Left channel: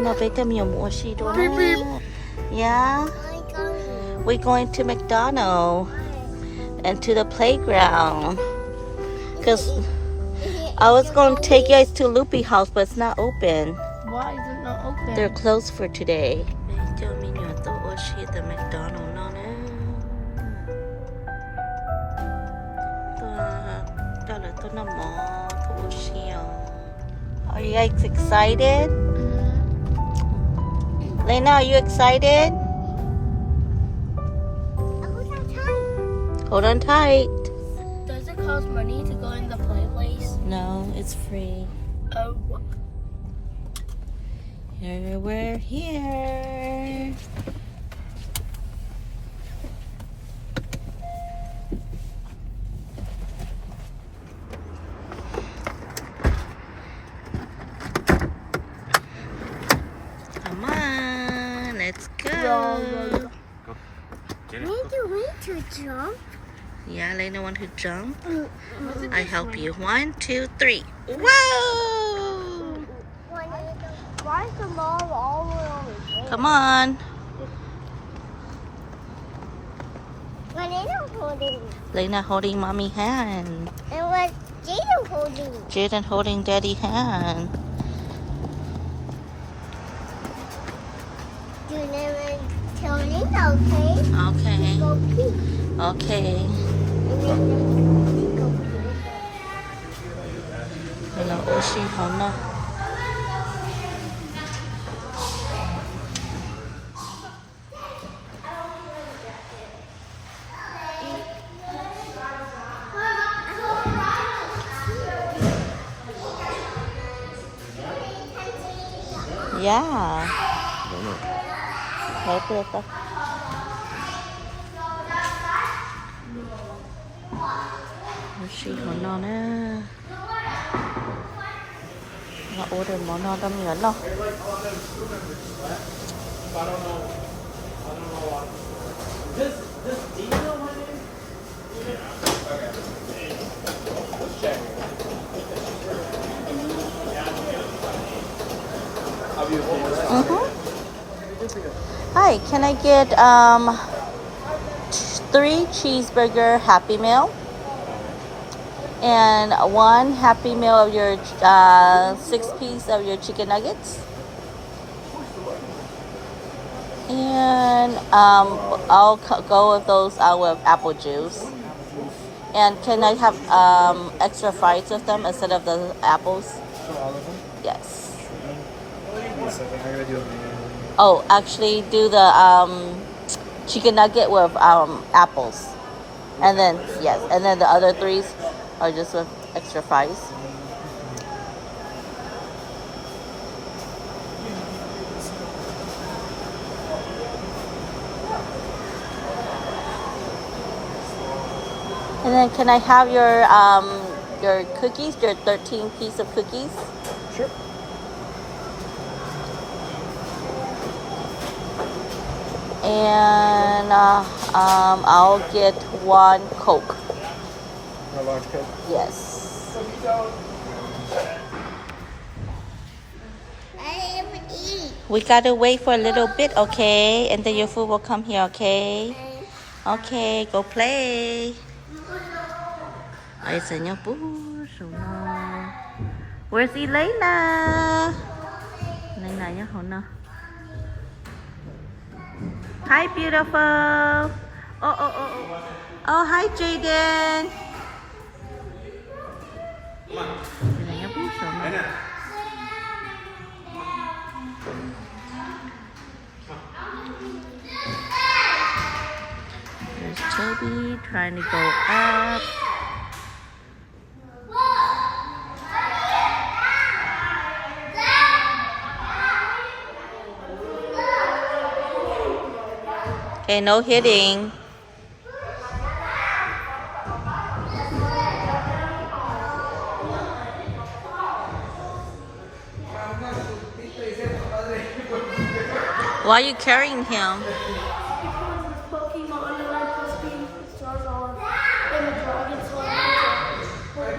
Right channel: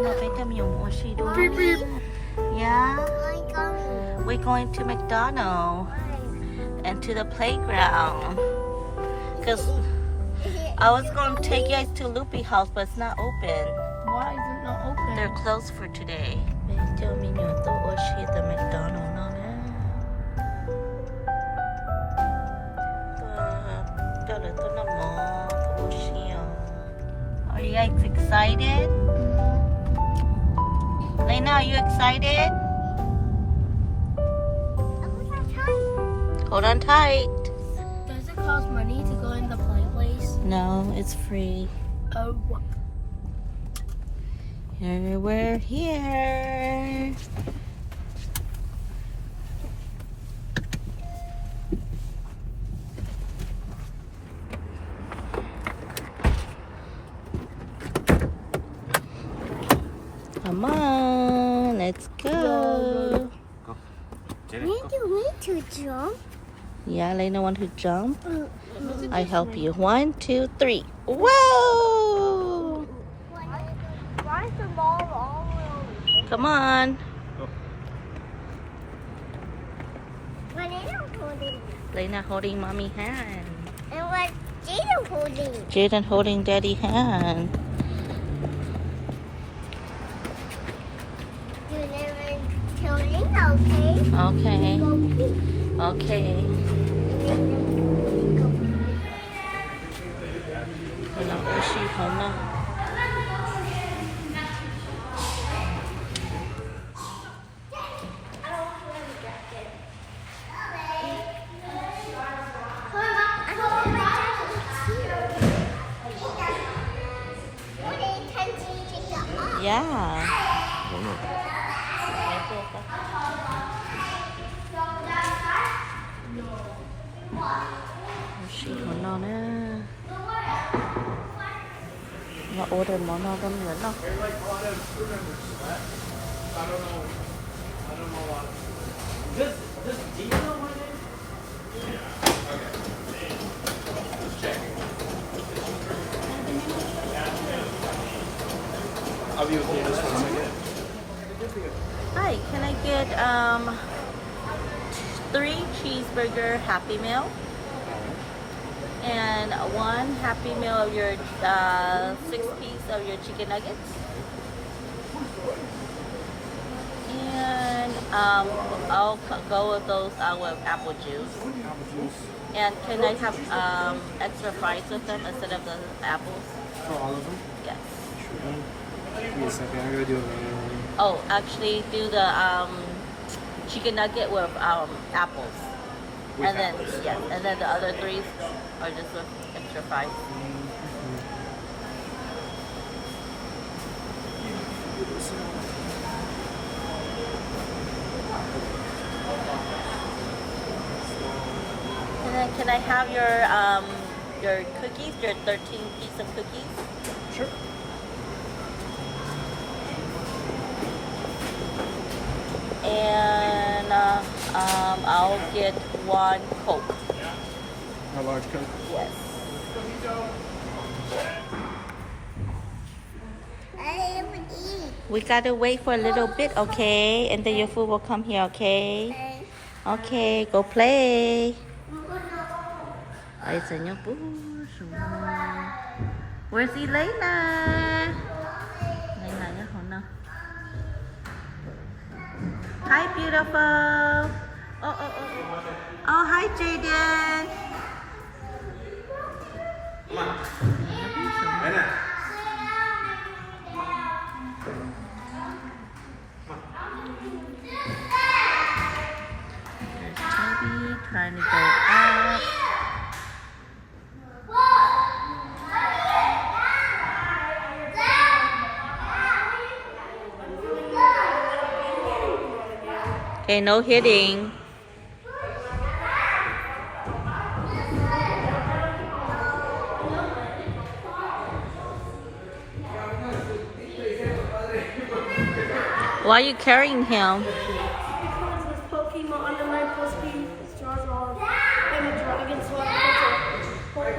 no, vete mi amor, she don't. Yeah, we're going to McDonald and to the playground. Cause I was gonna take you guys to Loopy House, but it's not open. Why is it not open? They're closed for today. Vete mi to oshi the McDonald no ne. Are you guys excited? Lena, are you excited? Hold on tight. Does it cost money to go in the play place? No, it's free. Oh. Here we're here. Come on, let's go. Wait to jump. Yeah, Lena want to jump. I help you. 1, 2, 3. Whoa! Why is the ball all wrong? Come on. Lena holding mommy hand. And what Jaden holding? Jaden holding daddy hand. You never tell Linda, okay? Okay. Go pee. Okay. Hello, Oshi, Hona. Yeah. Right there. Oshi, Hona nè. Nó order món nó đâm nhẫn đâu. Hi, can I get 3 cheeseburger Happy Meal and 1 Happy Meal of your 6-piece of your chicken nuggets, and I'll go with those with apple juice. And can I have extra fries with them instead of the apples? For all of them? Yes. Give me a second, I gotta do it. Oh, actually do the chicken nugget with apples. And then, yes, and then the other 3s are just with extra fries. And then can I have your cookies, your 13-piece of cookies? Sure. And I'll get 1 Coke. A large Coke? Yes. We gotta wait for a little bit, okay? And then your food will come here, okay? Okay, go play. Ay, señor Bush. Where's Elena? Elena, yeah, hold on. Hi, beautiful. Oh, hi, Jaden. There's Toby trying to go up. Okay, no hitting. Why are you carrying him? Because it's Pokemon and I'm supposed to be Charizard and a dragon, so I'm supposed to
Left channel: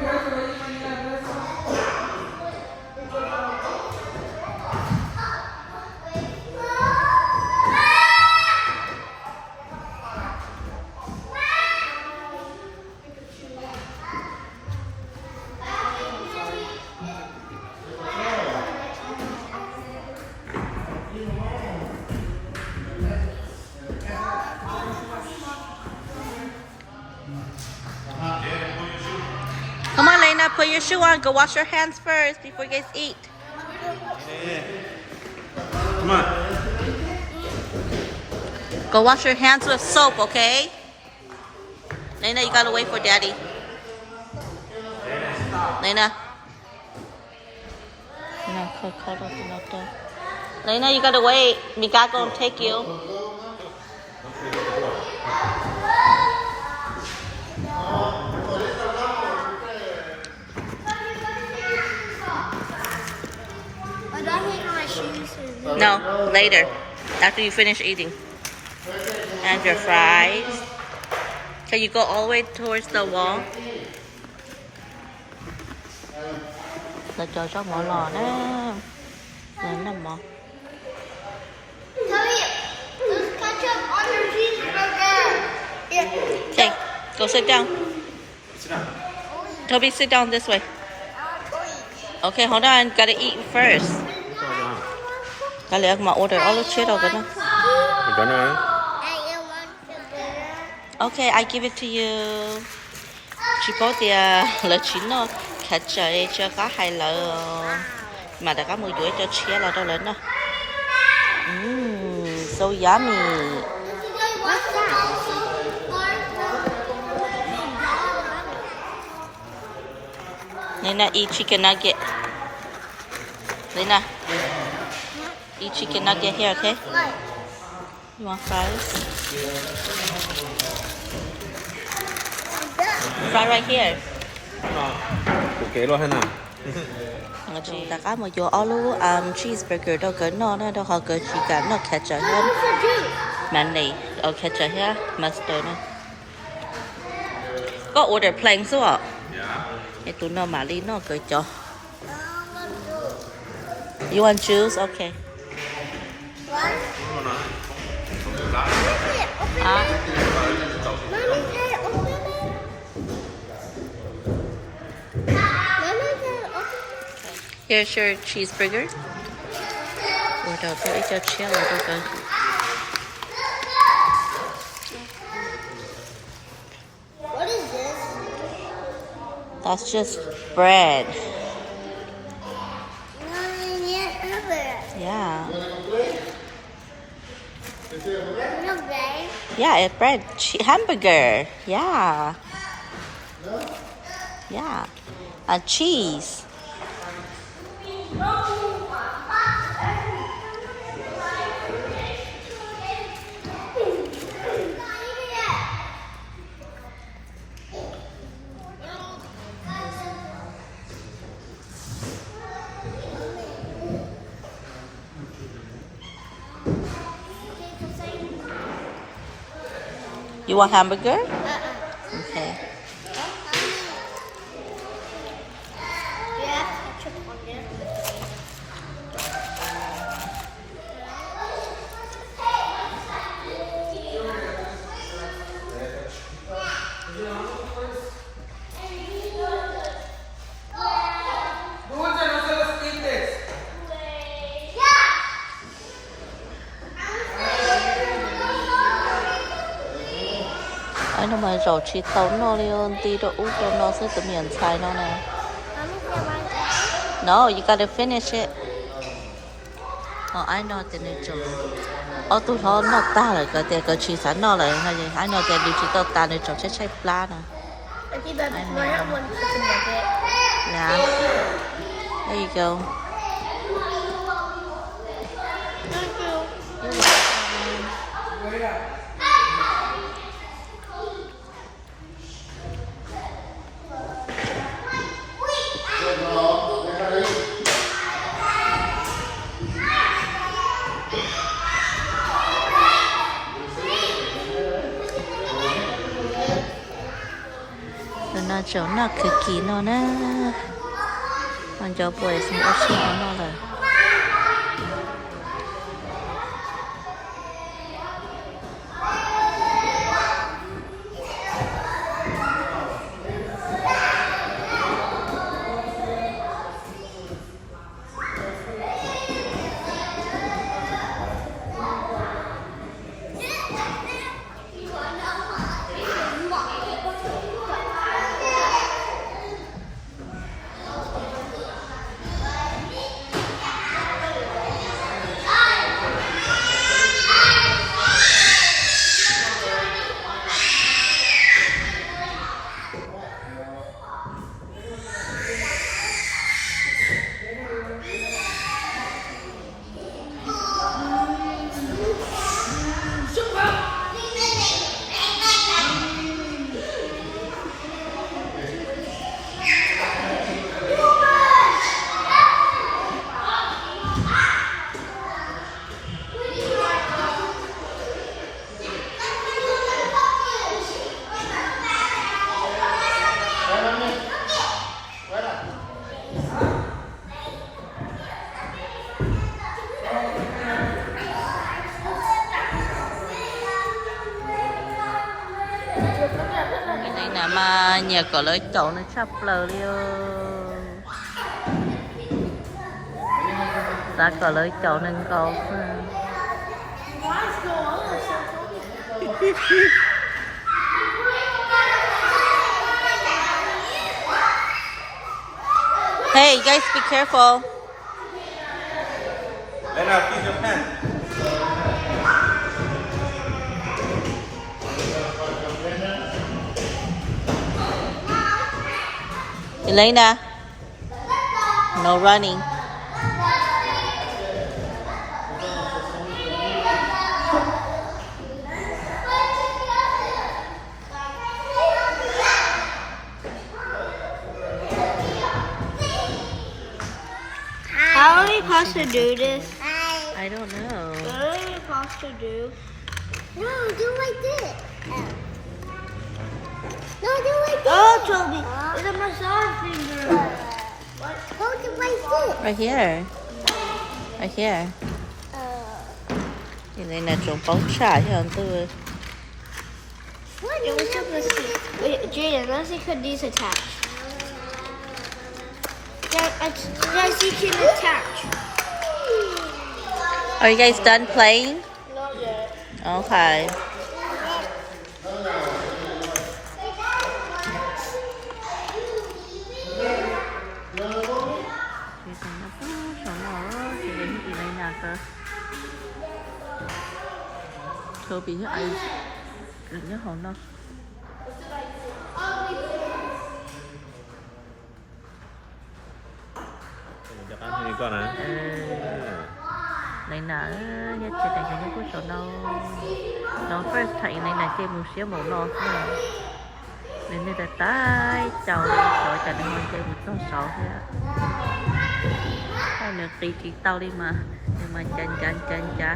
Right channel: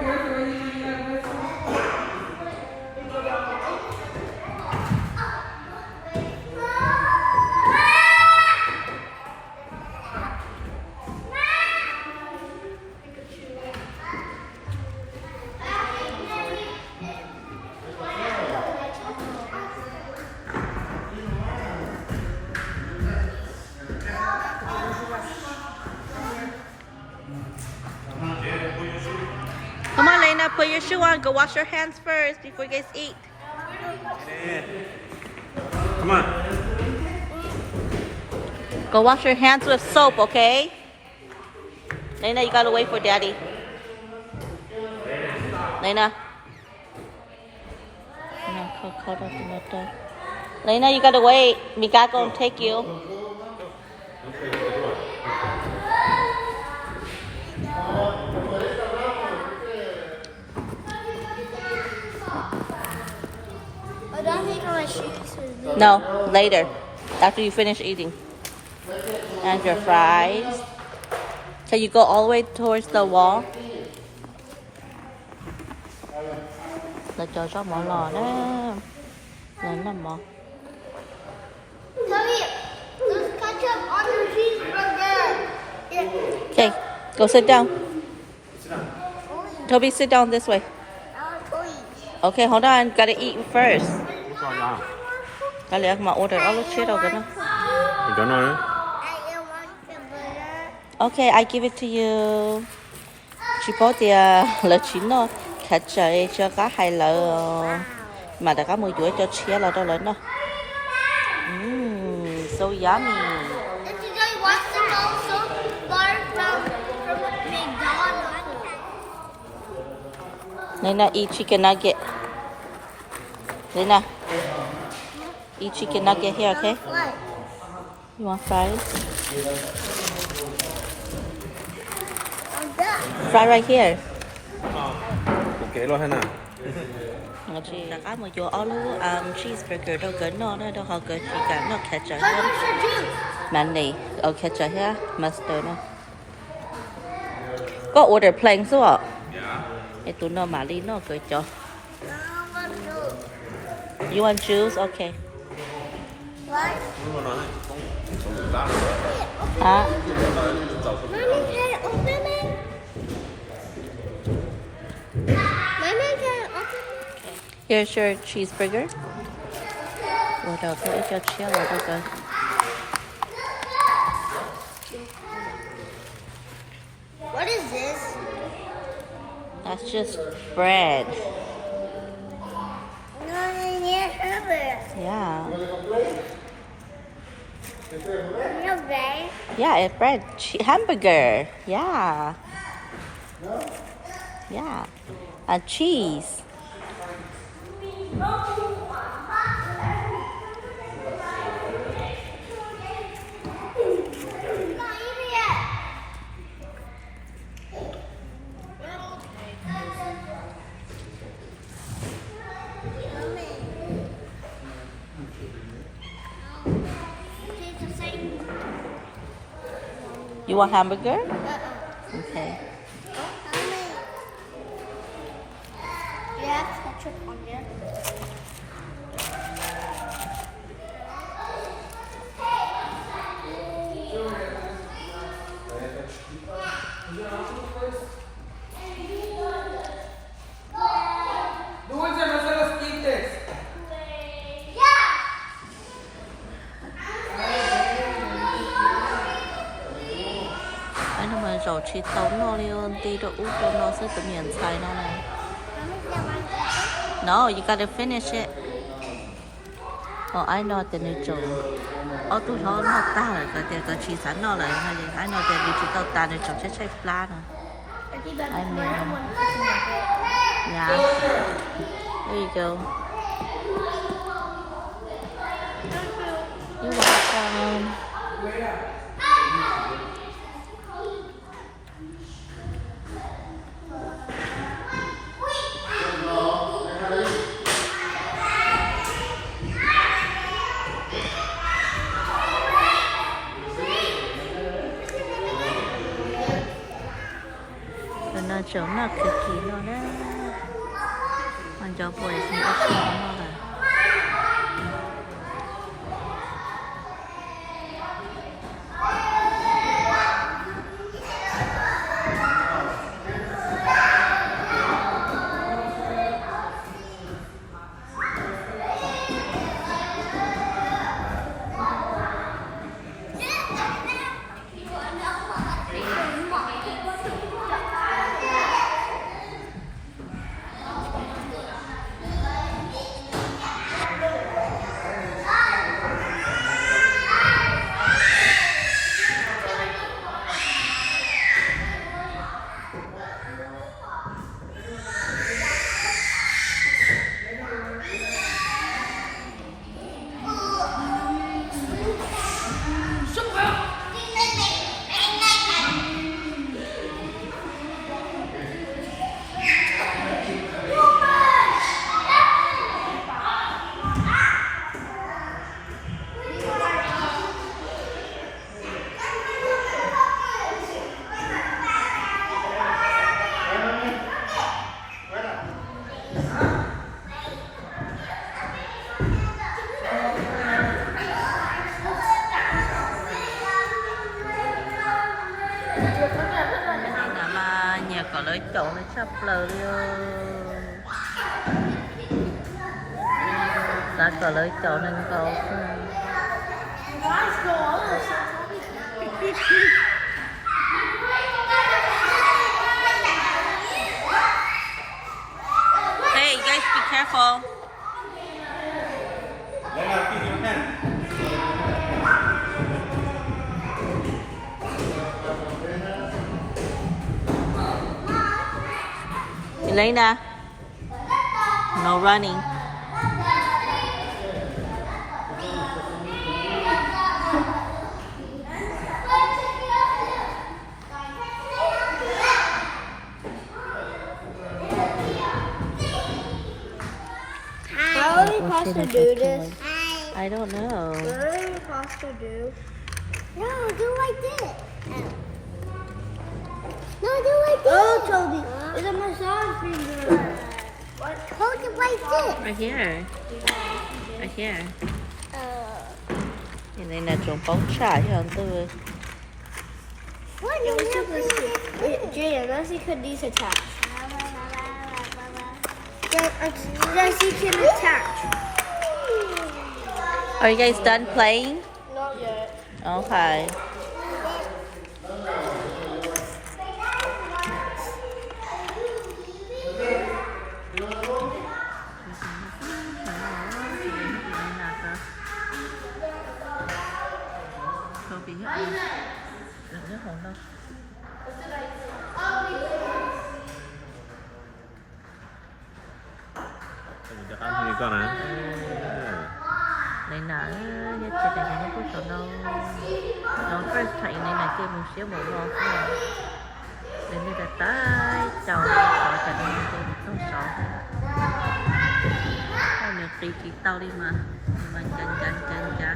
put your shoe on. Go wash your hands first before you guys eat. Come on. Go wash your hands with soap, okay? Lena, you gotta wait for Daddy. Lena. Lena, you gotta wait. Mika gonna take you. I don't hate my shoes. No, later. After you finish eating. And your fries. Can you go all the way towards the wall? Là cho cháu mở lò đó. Lên nằm mò. Okay, go sit down. Toby, sit down this way. Okay, hold on. Gotta eat first. Cái lẽ mà order all the shit rồi cái nó. McDonald. Okay, I give it to you. Chỉ có tiền là chín nó khát trời cho cá hay là mà đã có 10 tuổi cho chia là đâu lớn đó. So yummy. Lena, eat chicken nugget. Lena, eat chicken nugget here, okay? You want fries? Fry right here. Okay, lo hết nào. Chị đã có một chỗ alu cheeseburger đâu cỡ nó đâu họ cỡ chỉ cả nó ketchup hết. Mayonnaise, ketchup hết, mustard nữa. Có order plain số ạ? Cái tụi nó mà đi nó cỡ cho. You want juice? Okay. Hả? Here's your cheeseburger. Ủa đâu tôi cho chia là đâu cơ. What is this? That's just bread. Yeah. No bread. Yeah, it's bread. Hamburger. Yeah. Yeah. And cheese. You want hamburger? Okay. Yeah, ketchup on there. Anh nó mà rổ chi thấu nó luôn tí đồ út đồ nó sẽ tự miền xài nó này. No, you gotta finish it. Oh, I know the need to. Oh, tụi nó ta rồi cái chi sẵn nó rồi hay gì? I know the need to tao ta để cho chết chết pla nè. I mean, yeah. There you go. You're welcome. Nó chỗ nó cực kỳ nó nè, mình cho buổi sinh ớt xương nó là. mà nhà có lấy chỗ nó chắp lờ luôn ta có lấy chỗ nên có Guys, go on. Hey you guys be careful Elena no running How are we supposed to do this? I don't know What are we supposed to do? No, do like this. No, do like this. Oh, Toby, it's a massage finger. Hold it like this. right here này là trồng bóng trải cho anh Tư What Yeah, is let's see this. Wait, Jaden, let's see could these attach. Let's see can attach. Are you guys done playing? Not yet. Okay. Thôi bị nhớ anh đừng nhớ hồn đâu Ăn thì con này. này nè nhất chế tài cho nó có chỗ đâu nó first thấy này là kia một xíu một lò nên đây là tay chào khỏi cả nó chơi một con sọ thôi nữa tí tao đi mà nhưng mà chân chá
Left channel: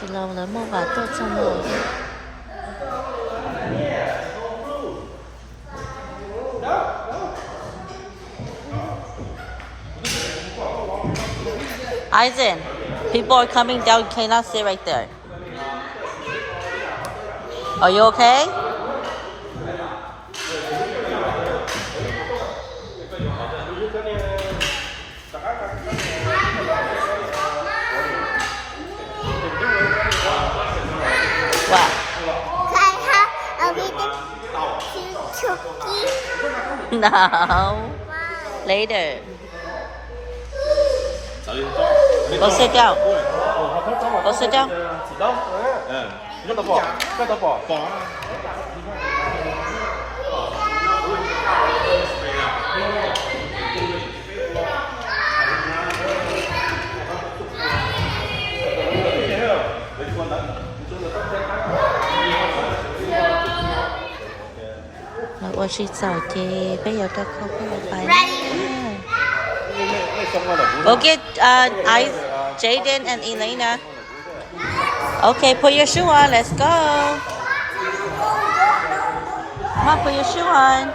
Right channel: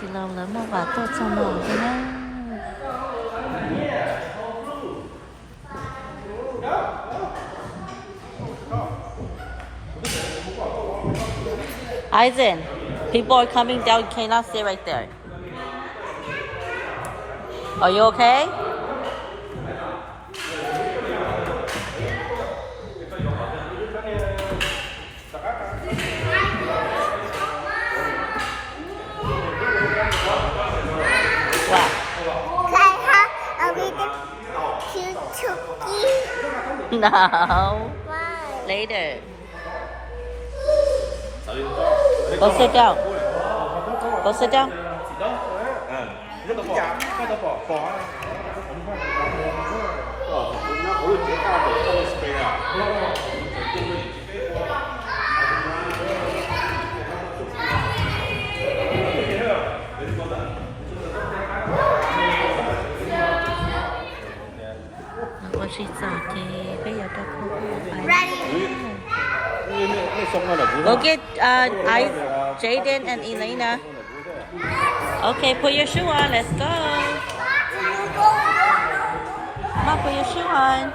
chỉ lâu lắm một vài tốt trong nồi thế đó Aizen, people are coming down. You cannot sit right there. Are you okay? What? Can I have a little cookie? No. Later. Go sit down. Go sit down. Và chị giỏi thì bây giờ ta không có phải Go get Jaden and Elena. Okay, put your shoe on. Let's go. Come on, put your shoe on.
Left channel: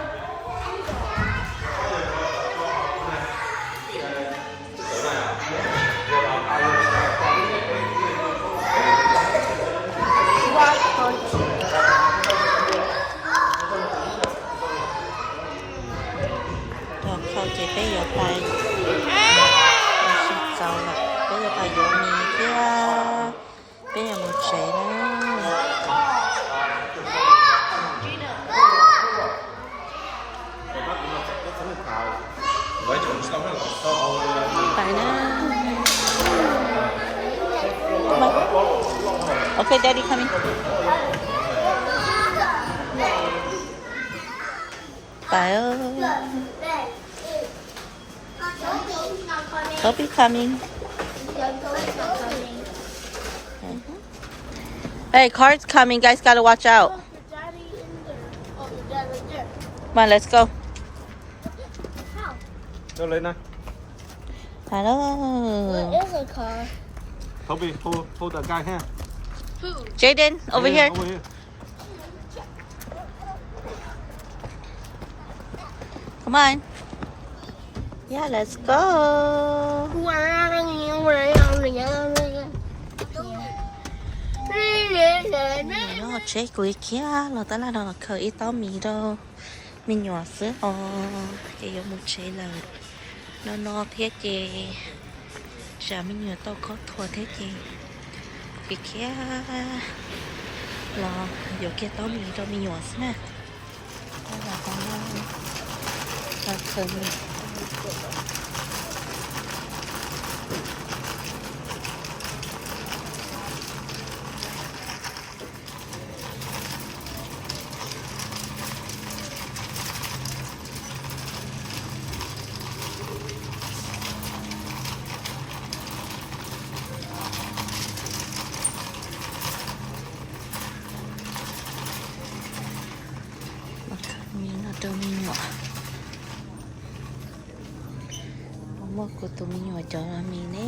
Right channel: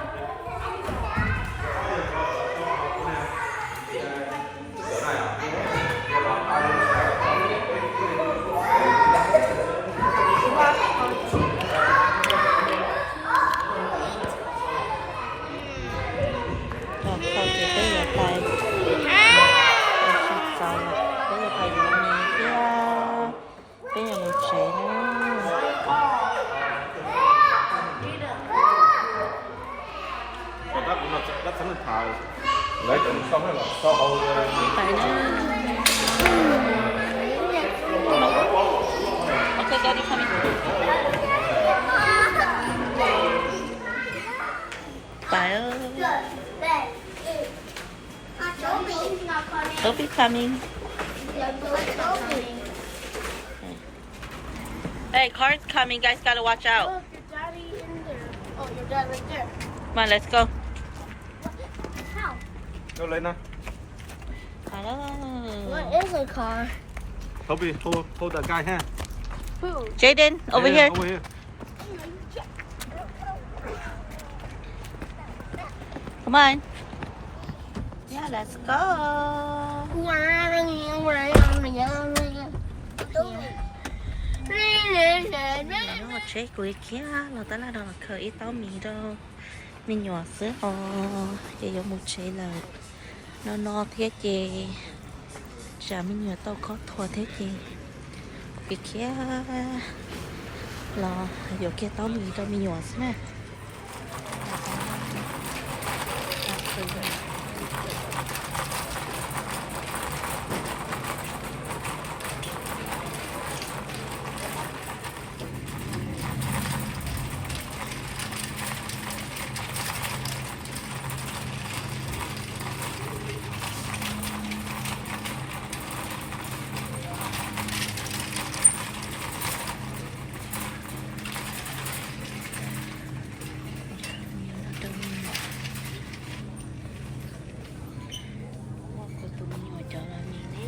Không chỉ bây giờ phải giàu là bây giờ phải dùng mì kia bây giờ một chế nữa phải nữa okay daddy coming phải ơi Toby coming. Hey, car's coming. Guys, gotta watch out. Come on, let's go. Go lên nào. Hello. What is a car? Toby, hold that guy hand. Jaden, over Yeah, here. Over here. Come on. Yeah, let's go. Nó chế quỷ kia là ta là nó khởi tao mì đâu mình nhỏ sữa cái giống một chế là nó thế gì chả mình nhỏ tao có thua thế gì cái kia là giờ kia tao mì đâu mình nhỏ sữa nè là con là khởi tụi mình nhỏ một của tụi mình nhỏ cho là mình đấy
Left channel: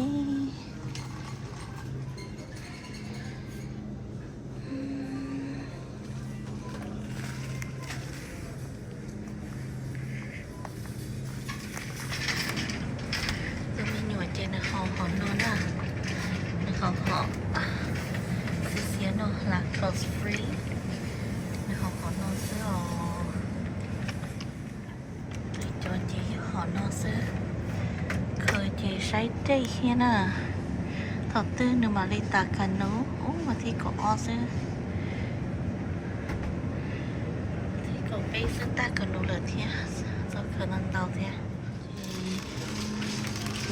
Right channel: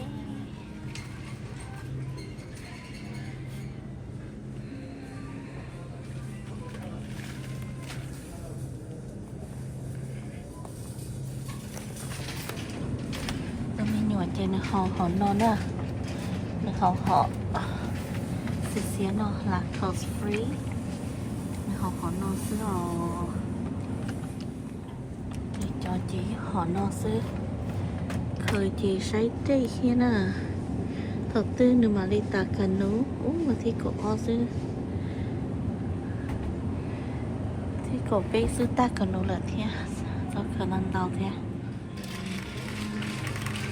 tụi mình nhỏ trên là họ non đó họ xí nó là close free họ non sữa cho chị họ no sữa khởi chị say đây kia nè thật tư nữa mà đi ta cần nấu mà thì có o sữa thì có bé sữa ta cần nấu là thế do khả năng đau thế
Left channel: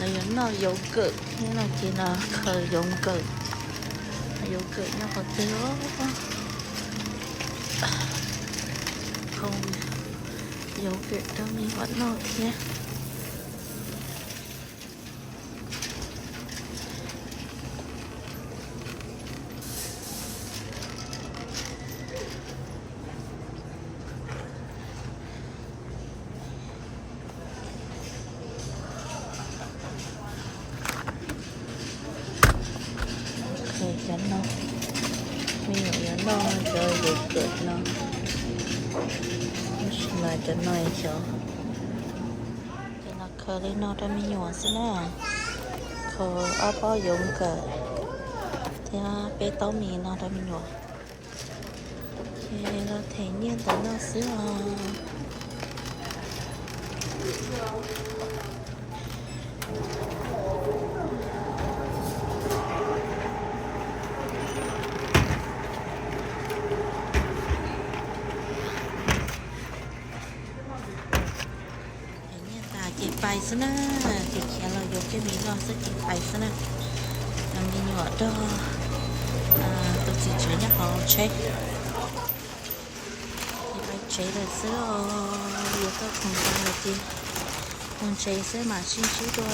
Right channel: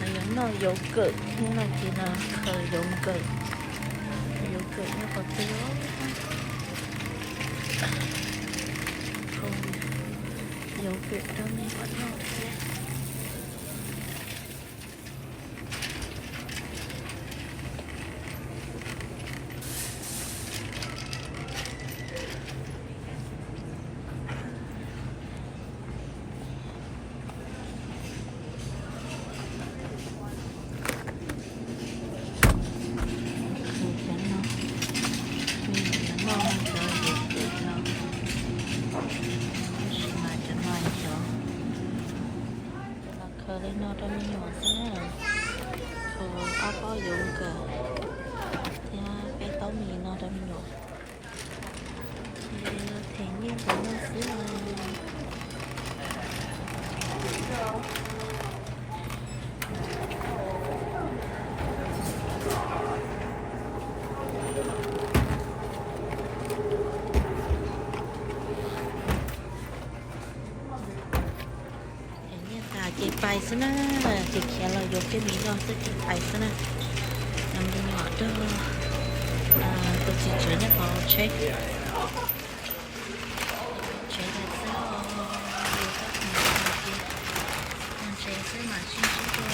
là những nó dấu cự như là chỉ là khởi dấu cự nhau có tư không dấu việc đâu mình vẫn lo thế nó chơi được cực nó mà cho nó cho nó khơi lên nó cho mình nhỏ xí nè khơi áo bao dụng cả thì bé tao mì nó cho mình nhỏ thì nó thể nhiên tới nó xí chị bay xí nè chị kia là dùng cái miếng đó sẽ chị bay xí nè mình ngọt đó tôi chỉ chứa nhá họ check chế là sẽ nhiều các thành phần này kia chế sẽ mà xin phú đôi